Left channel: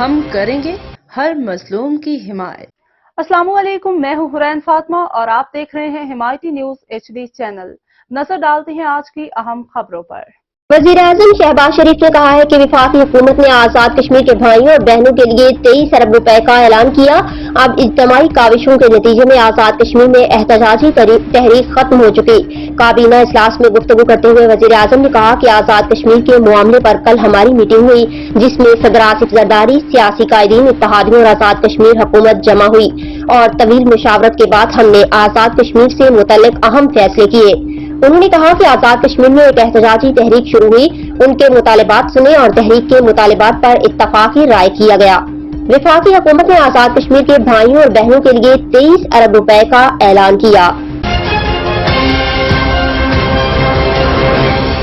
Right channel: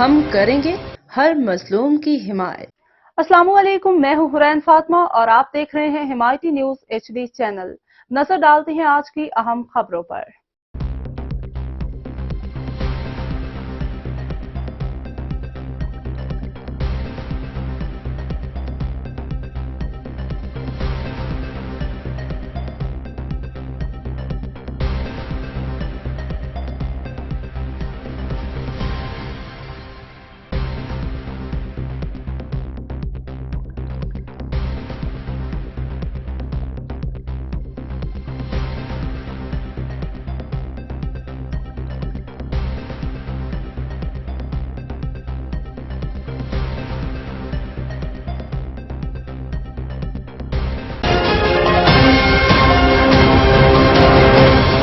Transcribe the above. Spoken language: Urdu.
ہم کریں گے ہر مظلوم کی حمایت۔ السلام علیکم، میں ہوں حرین فاطمہ اور آپ دیکھ رہے ہیں حمایتی نیوز HD چینل۔ نظر ڈالتے ہیں آج کی اہم خبروں پر۔ وزیر اعظم شہباز شریف نے کہا ہے کہ وفاقی حکومت نے آزاد کشمیر کے بھائیوں اور بہنوں کے لیے 23 ارب روپے کا اعلان کیا۔ اب اجتماعی کاوشوں کے نتیجے میں آزاد کشمیر میں احتجاجی تحریک ختم ہو چکی۔ کابینہ اجلاس میں گفتگو کرتے ہوئے وزیر اعظم نے کہا کہ آزاد کشمیر کے معاملے پر کل ہماری میٹنگ ہوئی، جس میں صدر آصف زرداری، سیاسی قائدین، اتحادیوں اور آزاد کشمیر حکومت جمع ہوئی اور طویل مشاورت کے بعد ہم نے آزاد کشمیر سے متعلق اہم فیصلے کیے۔ انہوں نے کہا کہ آزاد کشمیر میں ایک احتجاجی تحریک شروع ہوئی، ان کے مطالبات سنے اور تحریک کے مطالبات پر اتفاقی رائے کیا گیا۔ وفاقی حکومت نے آزاد کشمیر کے بھائیوں اور بہنوں کے لیے 23 ارب روپے کا اعلان کیا۔